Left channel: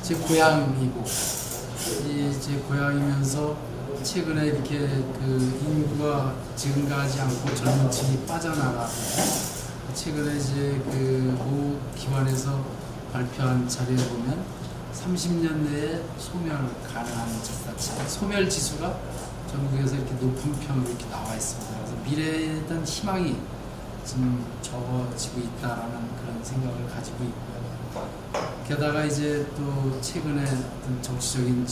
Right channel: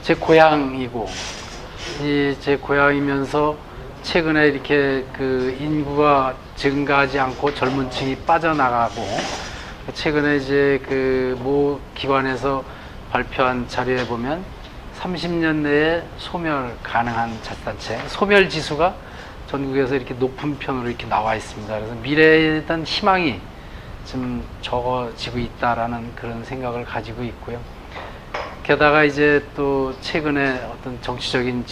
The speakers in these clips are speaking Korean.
제 고향이고, 제 고향이면서 최근에 이렇게 인구가 증가하지 않고 젊은 층이 빠져나가고, 최근에 이제 모 기관에서 발표한 자료에 보면 30년 내에 소멸 가능한 자치단체, 소멸 지수가 전국에서 이렇게 높은 편으로 이렇게 나와 있습니다. 그래서 미래에 대한 희망이 좀 적어지고 있다라는 그런 생각을 가지고 있고요. 게다가 이제 또 최근에 어떤 정치적인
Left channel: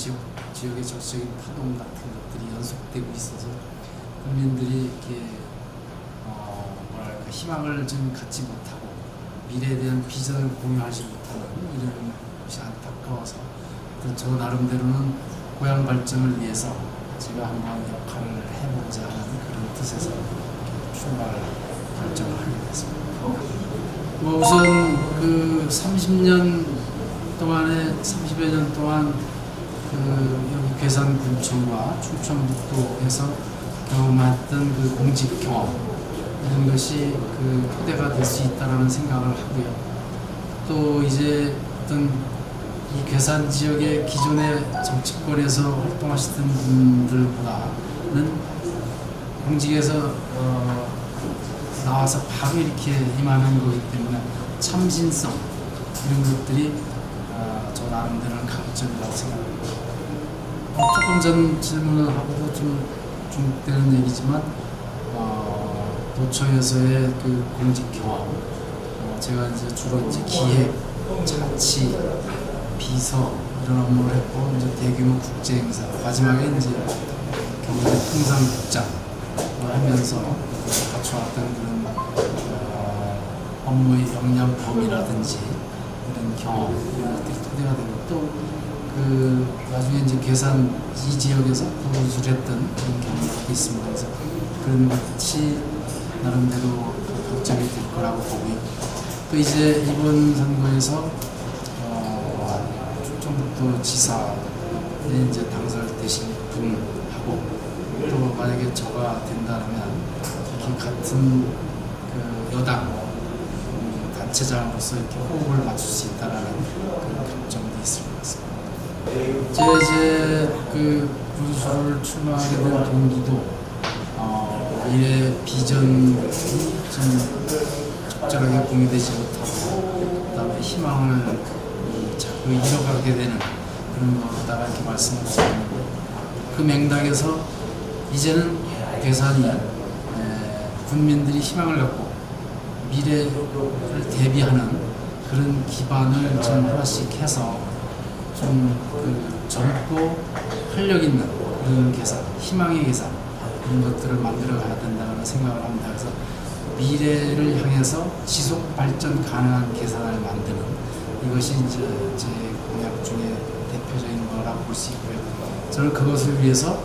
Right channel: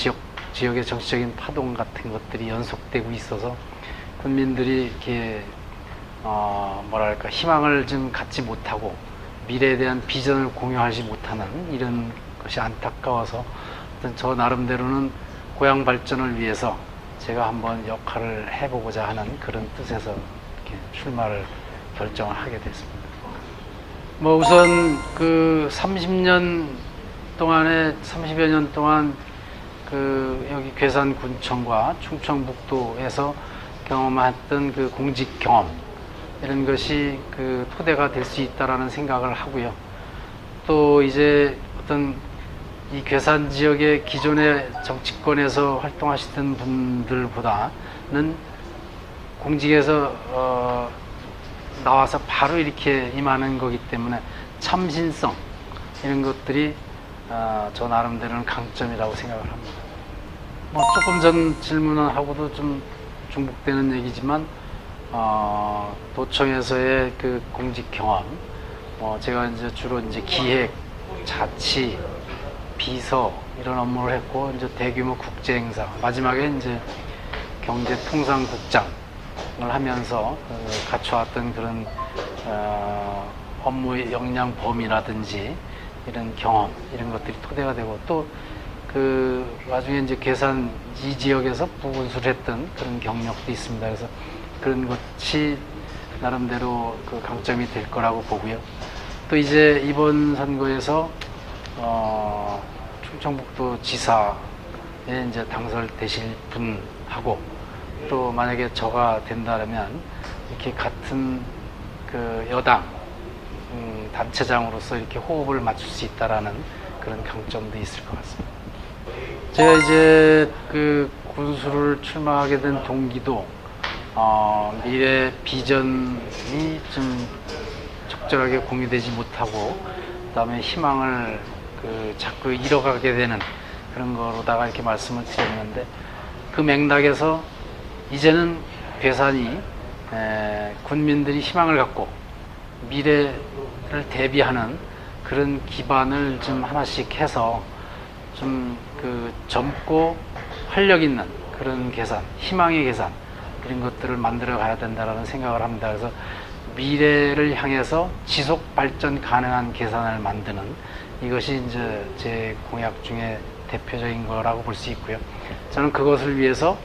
지역의 정치적인 파동 같은 것들이 연속되고 있어서 국민들이 이렇게 뭐랄까 희망을 좀 갖지 못하고 미래에 대한 비전을 공유하지 못하는 이런 것이 안타까워서 어떤 저 나름대로는 고향 발전을 위해서 제가 한번 역할을 해보고자 하는 그런 뜻에서 이렇게 출마를 결정을 하게 됐습니다. 뭐 우선 30년 동안에 30여 년 동안 여기 괴산군청과 충청북도에서 경험했던 공직 경험 이런 것이 토대가 될 수 있다라는 생각을 하고요. 또 이제 어떤 이 괴산 지역의 기존의 정치권에서 활동하시던 분들보다는 공직에서 나와서 바로 이렇게 임하는 거기 때문에 참신성 이런 것들이 저 나름대로는 강점이라고 생각을 합니다. 조금 전 질문하고도 좀 중복되는 얘기지만 도청에서의 공직 경험, 제가 이제 주로 이제 기획, 자치, 비서 이런 업무를 했고 이제 대규모 국제 행사, 마지막에 이제 경제통상국장을 하면서 갖춰왔던 그런 업무의 역량 범위라든지 이런 경험 이런 것들이 토대가 되고 또 나중에 이제 괴산 이 지역에서 보건수를 했던 그런 경력도 있습니다. 그래서 그런 것이 나름대로 강점이 될 거라고 보고요. 또 이제 이번 선거에서 충청북도 지사에 이제 당선되실 분하고 또 만약에 저가 된다면 이렇게 같은 여당 단체장으로서 이렇게 호흡을 맞출 수 있다라는 그런 강점도 있을 것 같습니다. 제가 이제 군수를 출마하게 된 동기도 미래 비전이 좀 적절하게 공유되지 못하고 그다음에 희망을 자꾸 잃어가게 되는 그런 거로다가 이렇게 말씀을 드렸는데 그 맥락에서 이제는 괴산이 군민들이 희망을 갖고 미래를 대비하는 그런 기반을 좀 하나씩 해서 좀 젊고 활력 있는 그런 괴산, 희망의 괴산 이런 것들을 만들어 가야 된다는 생각을 합니다. 그래서 미래를 향해서 지속 발전 가능한 괴산을 만드는 이것이 이제 제 공약 중에 대표적인 거라고 볼 수 있고요. 저는 그것을 위해서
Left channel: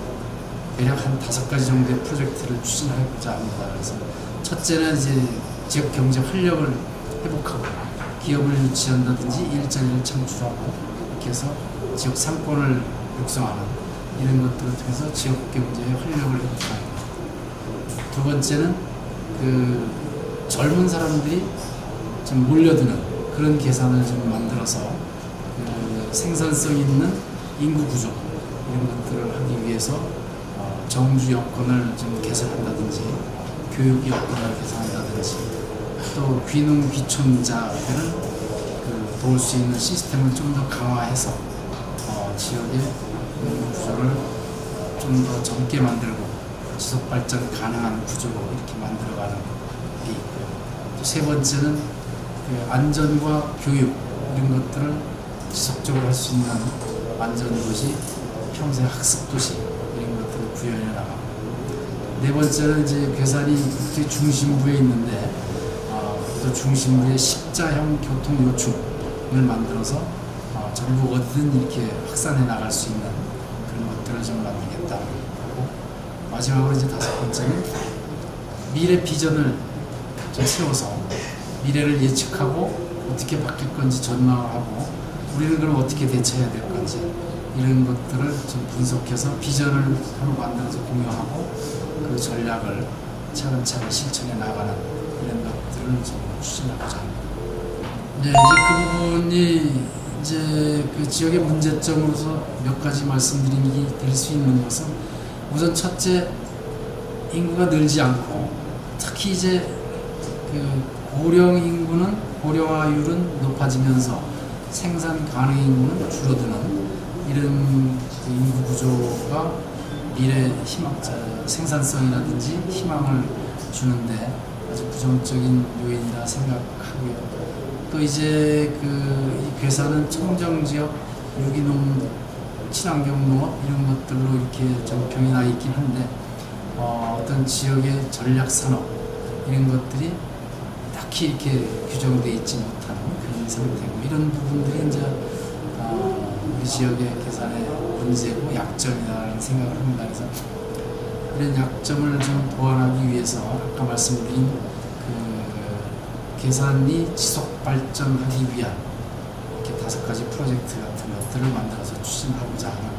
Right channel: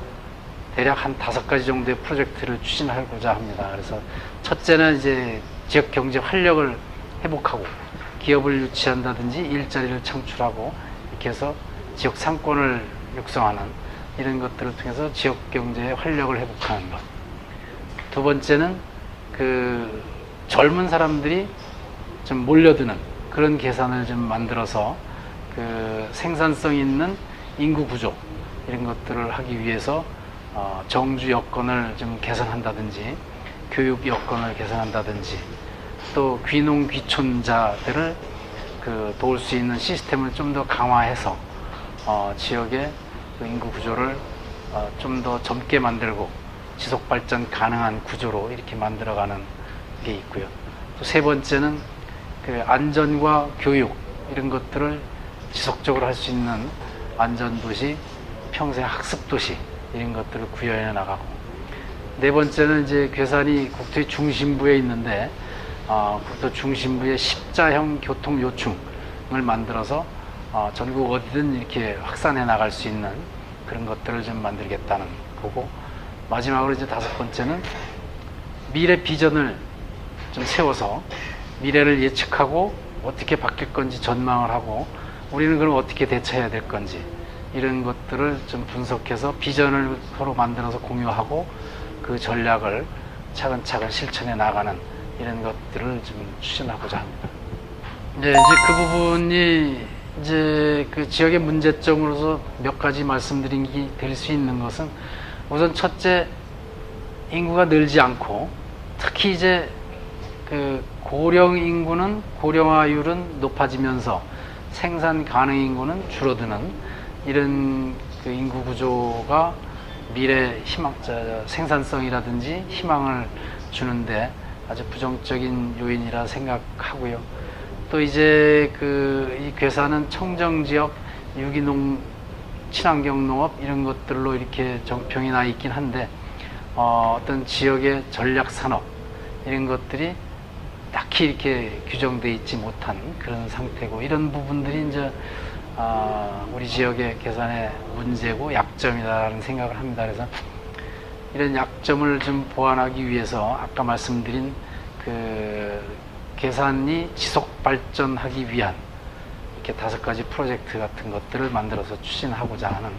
대략 한 5가지 정도의 프로젝트를 추진하고자 합니다. 그래서 첫째는 이제 지역 경제 활력을 회복하고 기업을 유치한다든지 일자리를 창출하고 이렇게 해서 지역 상권을 육성하는 이런 것들을 통해서 지역 경제의 활력을 회복하는 것. 두 번째는 젊은 사람들이 좀 몰려드는 그런 계산을 좀 만들어서 생산성 있는 인구 구조 이런 것들을 하기 위해서 정주 여건을 좀 개선한다든지 교육 여건을 개선한다든지 또 귀농 귀촌자들을 도울 수 있는 시스템을 좀 더 강화해서 지역의 인구 구조를 좀 더 젊게 만들고 지속 발전 가능한 구조로 이렇게 만들어가는 게 있고요. 또 세 번째는 안전과 교육 이런 것들을 지속적으로 할 수 있는 안전도시, 평생 학습도시 이런 것들을 구현해 나가고 네 번째는 이제 괴산이 국토의 중심부에 있는데 국토 중심부에 십자형 교통 요충을 만들어서 전국 어디든 이렇게 확산해 나갈 수 있는 그런 것들을 좀 만들겠다는 거고 마지막으로 이제 5번째는 미래 비전을 좀 세워서 미래를 예측하고 어떻게 바뀔 건지 전망을 하고 우리는 그럼 어떻게 대처해야 될 건지 이런 것들을 좀 분석해서 비전을 서로 만들어서 공유하고 그 전략을 차근차근 실천해 나가는 이런 것들을 좀 추진하고자 합니다. 네, 이제 그 부분이 이제 그 지역의 문제점으로서 몇 가지 말씀드리기 될 수 있는 것은 우선 첫째, 인구가 늘지 않고 특히 이제 그 고령 인구는 고령화율은 높아지면서 생산 가능 인구는 줄어드는 이런 그 인구 구조가 미래 희망, 생산성이라든지 희망을 주는데 아주 부정적인 요인이라 생각하고요. 또 이제 이 괴산은 청정 지역, 유기농, 친환경 농업 이런 것들로 이렇게 정평이 나 있긴 한데 어떤 지역의 전략 산업 이런 것들이 딱히 이렇게 규정되어 있지 못한 그런 상태고 이런 부분들이 이제 우리 지역의 괴산의 문제고 약점이라는 생각을 합니다. 그래서 이런 약점을 좀 보완하기 위해서 아까 말씀드린 그 괴산이 지속 발전하기 위한 이렇게 5가지 프로젝트 같은 것들을 만들어서 추진하고자 하는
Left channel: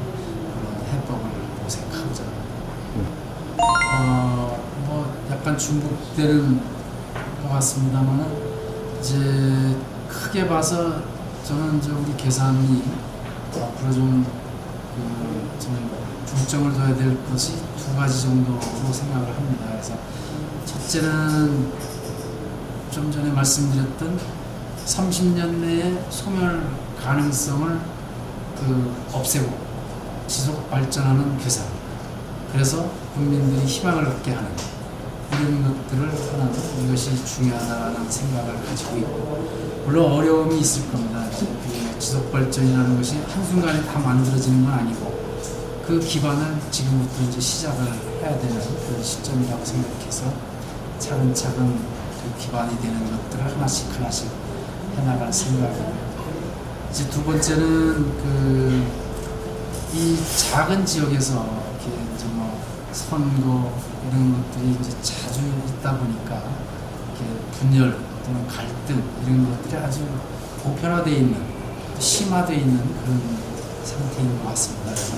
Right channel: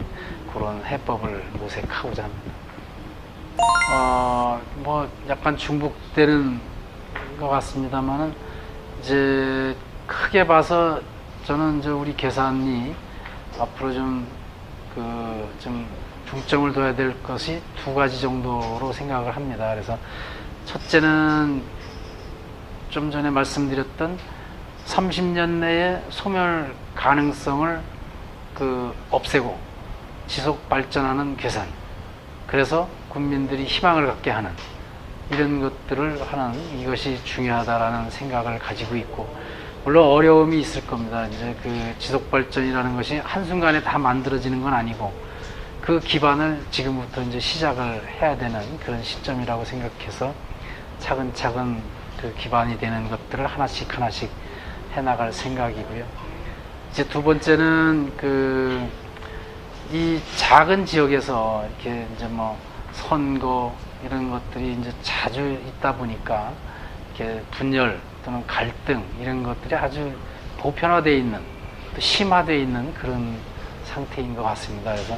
그런 해법을 모색하고자 합니다. 뭐 약간 중복되는 것 같습니다만은 이제 크게 봐서 저는 이제 우리 괴산이 앞으로 좀 중점을 둬야 될 것이 2가지 정도로 생각을 합니다. 그래서 첫째는 좀 전에 말씀드렸던 30년 내에 소멸 가능성을 없애고 지속 발전하는 괴산. 그래서 국민들이 희망을 갖게 하는 이런 것들을 하는 이것이 중요하다라는 생각을 가지고 있고 물론 어려움이 있을 겁니다. 이제 그 지속 발전이라는 것이 한순간에 다 만들어지는 건 아니고 그 기반을 지금부터 이제 시작을 해야 되는 그런 시점이라고 생각해서 차근차근 그 기반이 되는 것들을 하나씩 해나갈 생각이고요. 이제 2번째는 이 작은 지역에서 이렇게 이제 뭐 선거 이런 것들이 이제 자주 있다 보니까 이렇게 분열 또는 갈등 이런 것들이 아주 보편화되어 있는 또 심화되어 있는 그런 상태인 것 같습니다. 그래서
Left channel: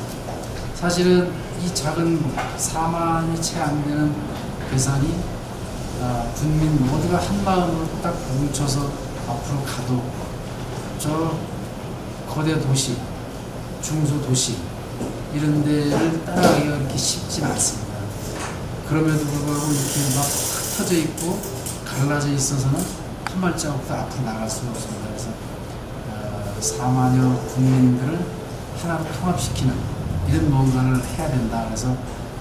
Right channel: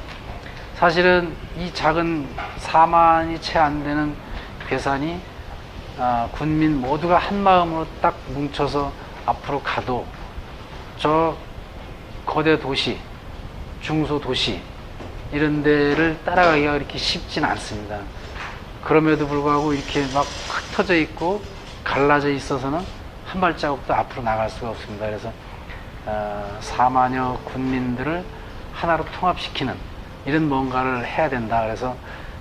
사실은 이 작은 4만이 채 안 되는 괴산이 군민 모두가 한 마음으로 딱 뭉쳐서 앞으로 가도 저 거대 도시, 중소도시 이런 데를 따라가기가 그렇게 쉽진 않습니다. 그럼에도 불구하고 이렇게 막 흩어져 있고 갈라져 있어서는 한 발자국도 앞으로 나갈 수가 없습니다. 그래서 4만여 국민들을 하나로 통합시키는 이런 뭔가를 해야 된다. 그래서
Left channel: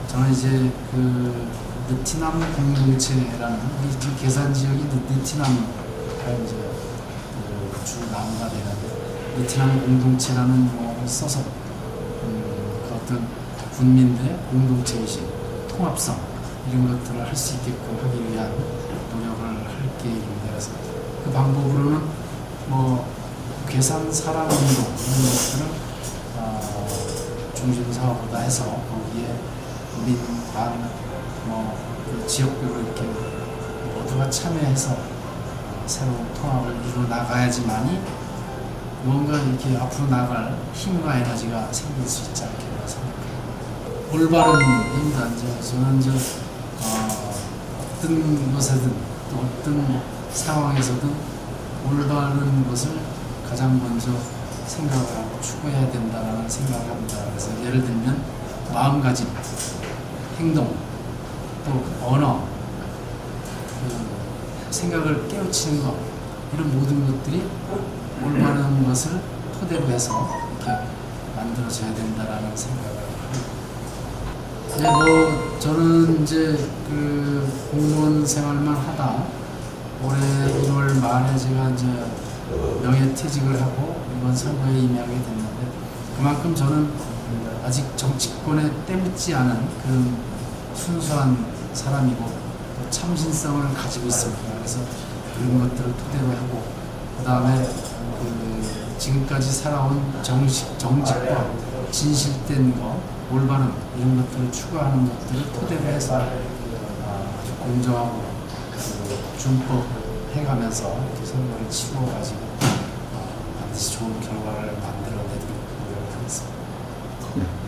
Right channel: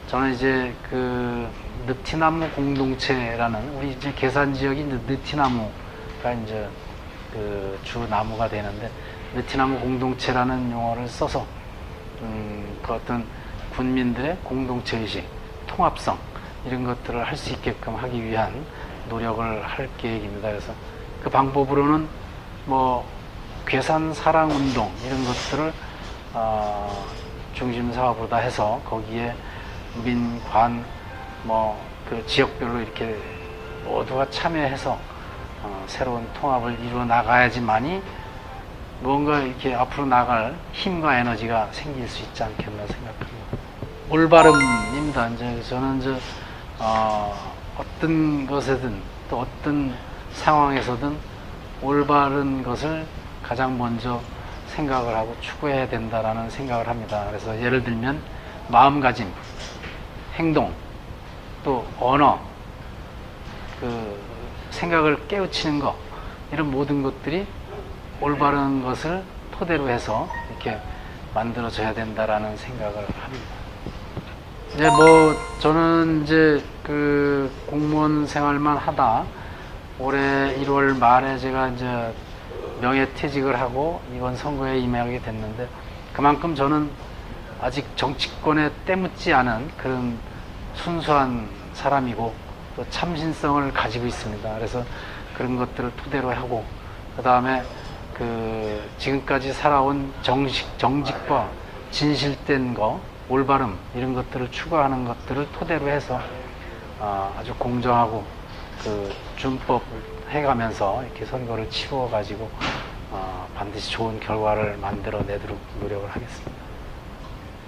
저는 이제 느티나무 공동체라는 우리 이제 괴산 지역이 느티나무가 이제 주 나무가 되는데 느티나무 공동체라는 용어를 써서 그 어떤 군민들의 공동체 의식, 통합성 이런 것들을 할 수 있게끔 하기 위한 노력을 할 계획입니다. 그래서 그 방법으로는 뭐 괴산 사랑 운동 이런 것들을 중심 사업으로 해서 거기에 민, 관, 그 지역별로 이렇게 모두가 참여해서 새로운 통합을 이루어 나가야지만이 뭔가 이렇게 앞으로 나갈 힘과 에너지가 생길 수 있지 않겠나 생각합니다. 올바름입니다. 이제 저는 어떤 것에든 또 어떤 상황에서든 올바른 것을 가장 먼저 생각을 하고 추구해야 된다라는 생각을 합니다. 그래서 예를 들면 마음가짐, 행동, 또 언어, 생각을 깨우치는 것 이런 모든 것들이 올바른 것을 토대로 해서 이렇게 만들어져야 된다라는 생각을 합니다. 저는 이제 공무원 생활만 하다 올해 1월 말에 제가 이제 명예퇴직을 하고 이번 선거에 임하게 됐는데 그만큼 저는 아직 정치권에 때묻지 않은 그런 순수한 사람이고 또 참신성을 가지고 있습니다. 그래서 그런 것들을 토대로 하고 그 다음에 지금까지 살아온 정직법, 진실된 거, 올바름 이런 것들을 추구하는 것들을 토대로 해서 아주 공정하고 준법 해가면서 이렇게 선거를 치루어 가지고 반드시 좋은 결과를 만들어내도록 노력을 하겠습니다.